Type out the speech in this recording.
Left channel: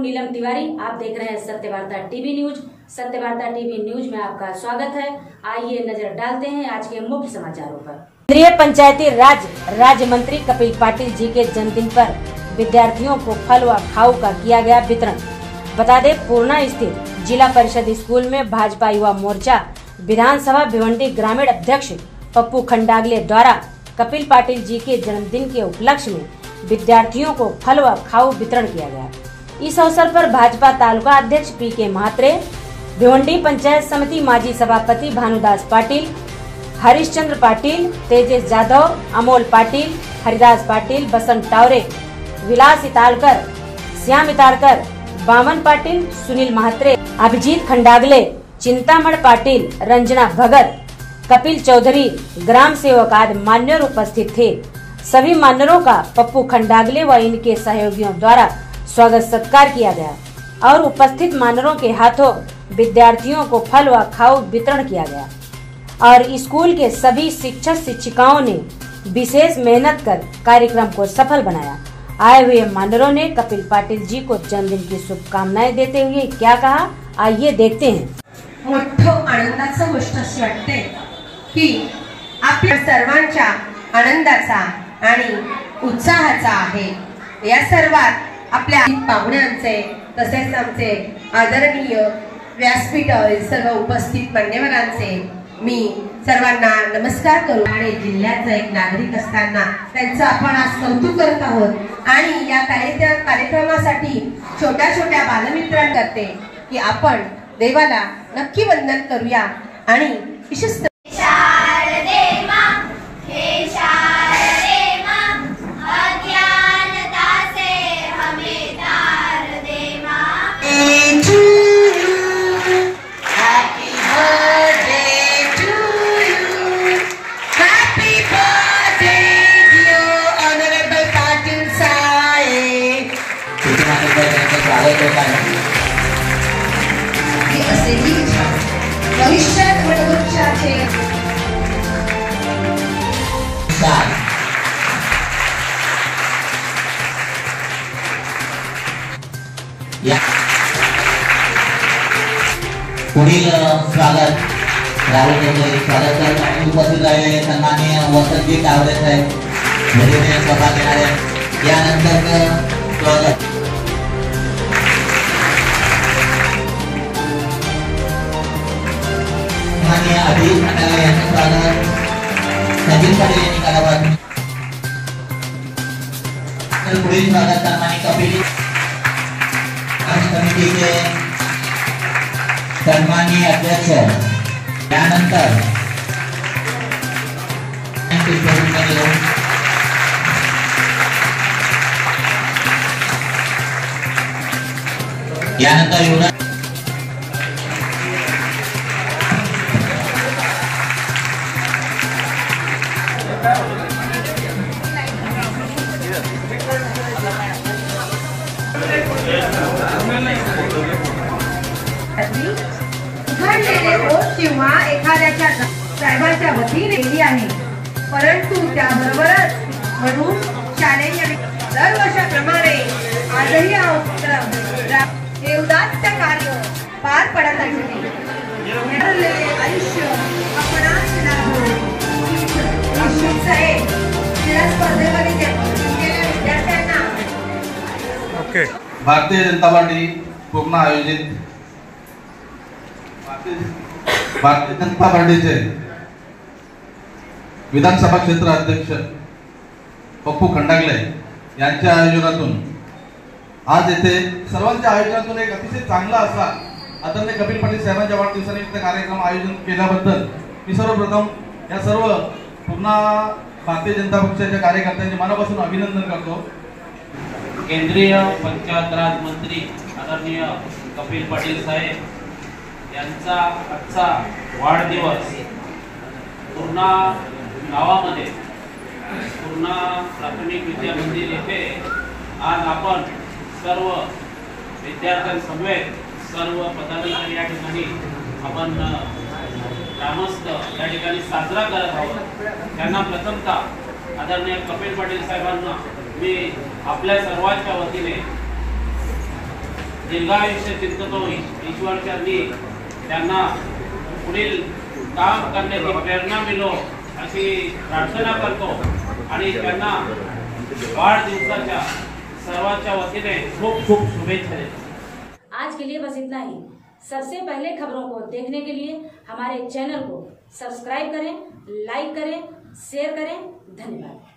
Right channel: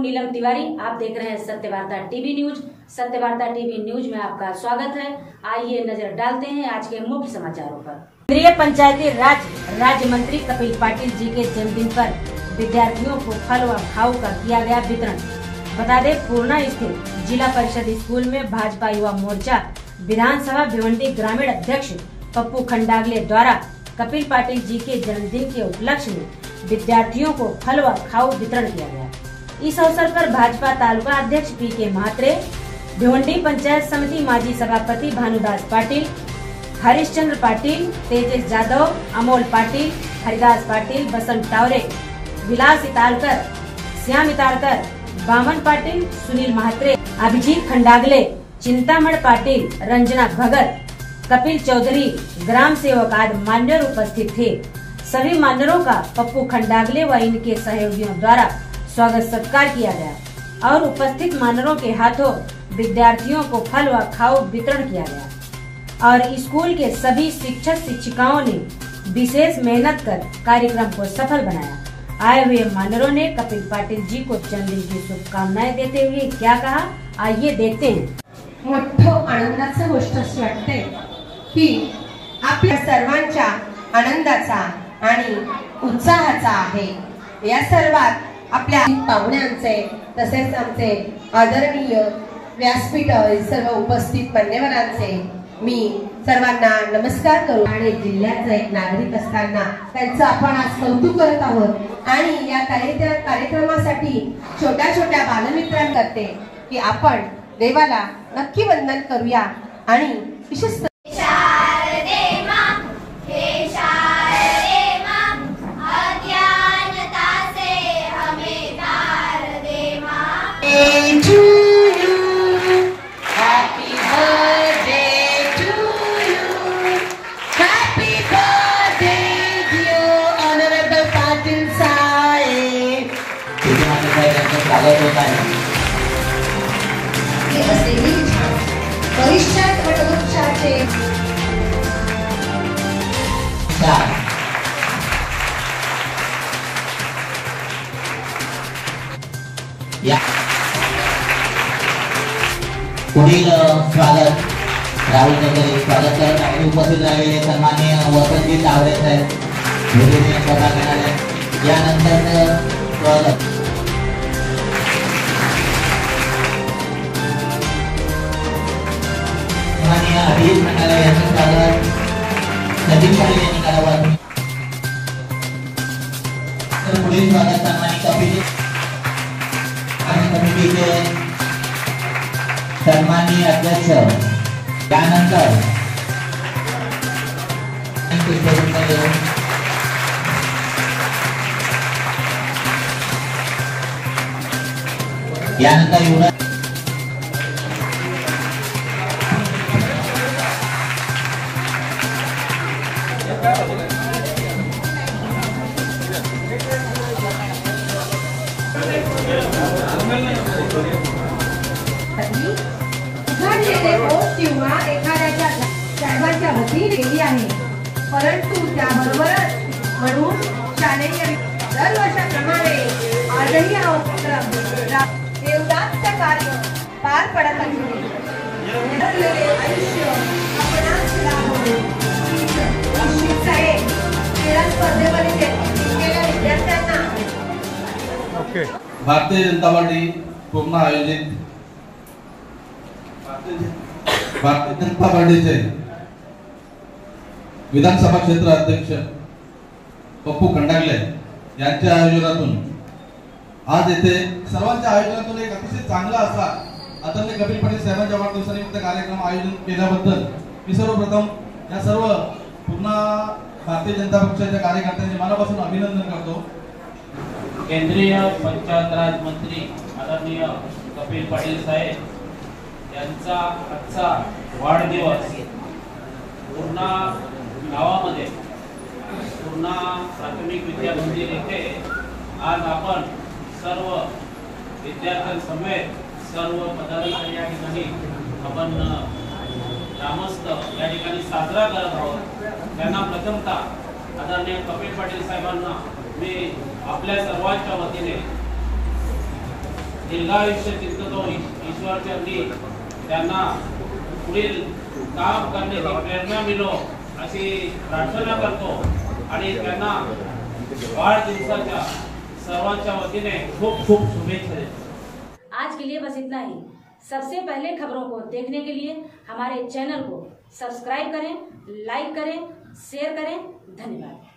हूं नीलम तिवारी। आप देख रहे हैं Satyavarta TV news. Satyavarta TV news में आपका स्वागत है। आइए नजर डालते हैं आज के मुख्य समाचारों पर। केंद्रीय पंचायती राज राज्य मंत्री कपिल पाटिल जी के जन्मदिन पर विद्यार्थियों को फल व खाऊ का किया गया वितरण। बता दें, पूर्णा स्थित जिला परिषद स्कूल में भाजपा युवा मोर्चा विधानसभा भिवंडी ग्रामीण अध्यक्ष पप्पू खंडागले द्वारा कपिल पाटिल जी के जन्मदिन के उपलक्ष्य में विद्यार्थियों को फल व खाऊ वितरण किया गया। इस अवसर पर भाजपा तालुका अध्यक्ष पी.के. महात्रे, भिवंडी पंचायत समिति माजी सभापति भानुदास पाटिल, हरिश्चंद्र पाटिल, तेजस यादव, अमोल पाटिल, हरिदास पाटिल, बसंत टावरे, विलास इतालकर, श्याम इतालकर, बामन पाटिल, सुनील महात्रे, अभिजीत खंडागले, चिंतामण पाटिल, रंजना भगत, कपिल चौधरी, ग्राम सेवक आदि मान्यवर उपस्थित थे। सभी मान्यवरों का पप्पू खंडागले व इनके सहयोगियों द्वारा स्वागत सत्कार किया गया और उपस्थित मान्यवरों के हाथों विद्यार्थियों को फल व खाऊ वितरण किया गया और स्कूल के सभी शिक्षक शिक्षिकाओं ने विशेष मेहनत कर कार्यक्रम को सफल बनाया। आए हुए मान्यवरों ने कपिल पाटिल जी को जन्मदिन की शुभकामनाएं देते हुए क्या कहा, आइए देखते हैं। मोठं आनंदाचं गोष्ट अशी वाटते की आपल्या सर्वांच्या आनंदाचा आणि उत्साहाचा आहे। या सर्वात आपल्या पाहुण्यांचे तसेच आमचे आदरणीय व्यासपीठावरील सर्व उपस्थित मान्यवरांचे मी सर्वांना नमस्कार करू आणि जिल्ह्याचा एक नागरिक असताना त्यांचं आपण आज कौतुक करत आहोत आणि या कार्यक्रमासाठी छोट्या छोट्या बालमित्रांना करते की आपण देवाला नक्की वंदन करूया आणि विशेष भविष्यात वटवृक्षाचे पुढील स्वागत राहुल वगैरे स्वागत करत आणि उपस्थित झालेले सन्माननीय वसंतजी टावरे साहेब विधेयक सभा घेणारे यानंतर स्वागत सन्माननीय अभिजीत खंडागले यांचे स्वागत सचिन पाटील यांनी करावं। तर पुढील स्वागत सन्मानित कपिल समितीचे सन्माननीय अध्यक्ष त्यानंतर यानंतर किंवा एखाद्याच्या साहेबांच्या वतीने केली आहे, परंतु त्याबरोबरच म्हणून शालेय दरवर्षाप्रमाणे आजही हे उदात्त कार्य पार पडत आहे। आयुष्य आपणास लाभो स्पर्धेमध्ये विद्यार्थ्यांना भारतीय जनता पार्टी पूर्ण आयोजित भारतीय जनता पार्टीचे विधानसभा क्षेत्र अध्यक्ष पप्पू खंडागले यांच्या आयोजनातून आज येथे सर्वांच्या आयोजनातून एक अतिशय चांगला असा आदरणीय कपिल पाटील साहेबांच्या वाढदिवसानिमित्त कार्यक्रम आयोजन केल्याबद्दल मी सर्वप्रथम या सर्व पूर्ण भारतीय जनता पक्षाच्या कार्यकर्त्यांचे मनापासून अभिनंदन करतो। केंद्रीय पंचायत राज मंत्री आदरणीय कपिल पाटील साहेब यांचा आजचा वाढदिवस पूर्णा गावामध्ये पूर्णा प्राथमिक विद्या मंदिर येथे आज आपण सर्व विद्यार्थ्यांसमवेत सर्व पदाधिकारी या ठिकाणी आपण ग्रामस्थ या ठिकाणी साजरा करत आहोत। त्यांना प्रथमतः आदरणीय कपिल पाटील साहेबांना मी आपल्या सर्वांच्या वतीने दीर्घायुष्य चिंततो ईश्वर चरणी त्यांना पुढील काम करण्याची प्रेरणा मिळो अशी प्रार्थना करतो आणि त्यांना वाढदिवसाच्या सर्वांच्या वतीने खूप खूप शुभेच्छा देतो। आज के लिए बस इतना ही। सबसे पहले खबरों को देखने के लिए हमारे चैनल को सब्सक्राइब करें, लाइक करें, शेयर करें। धन्यवाद।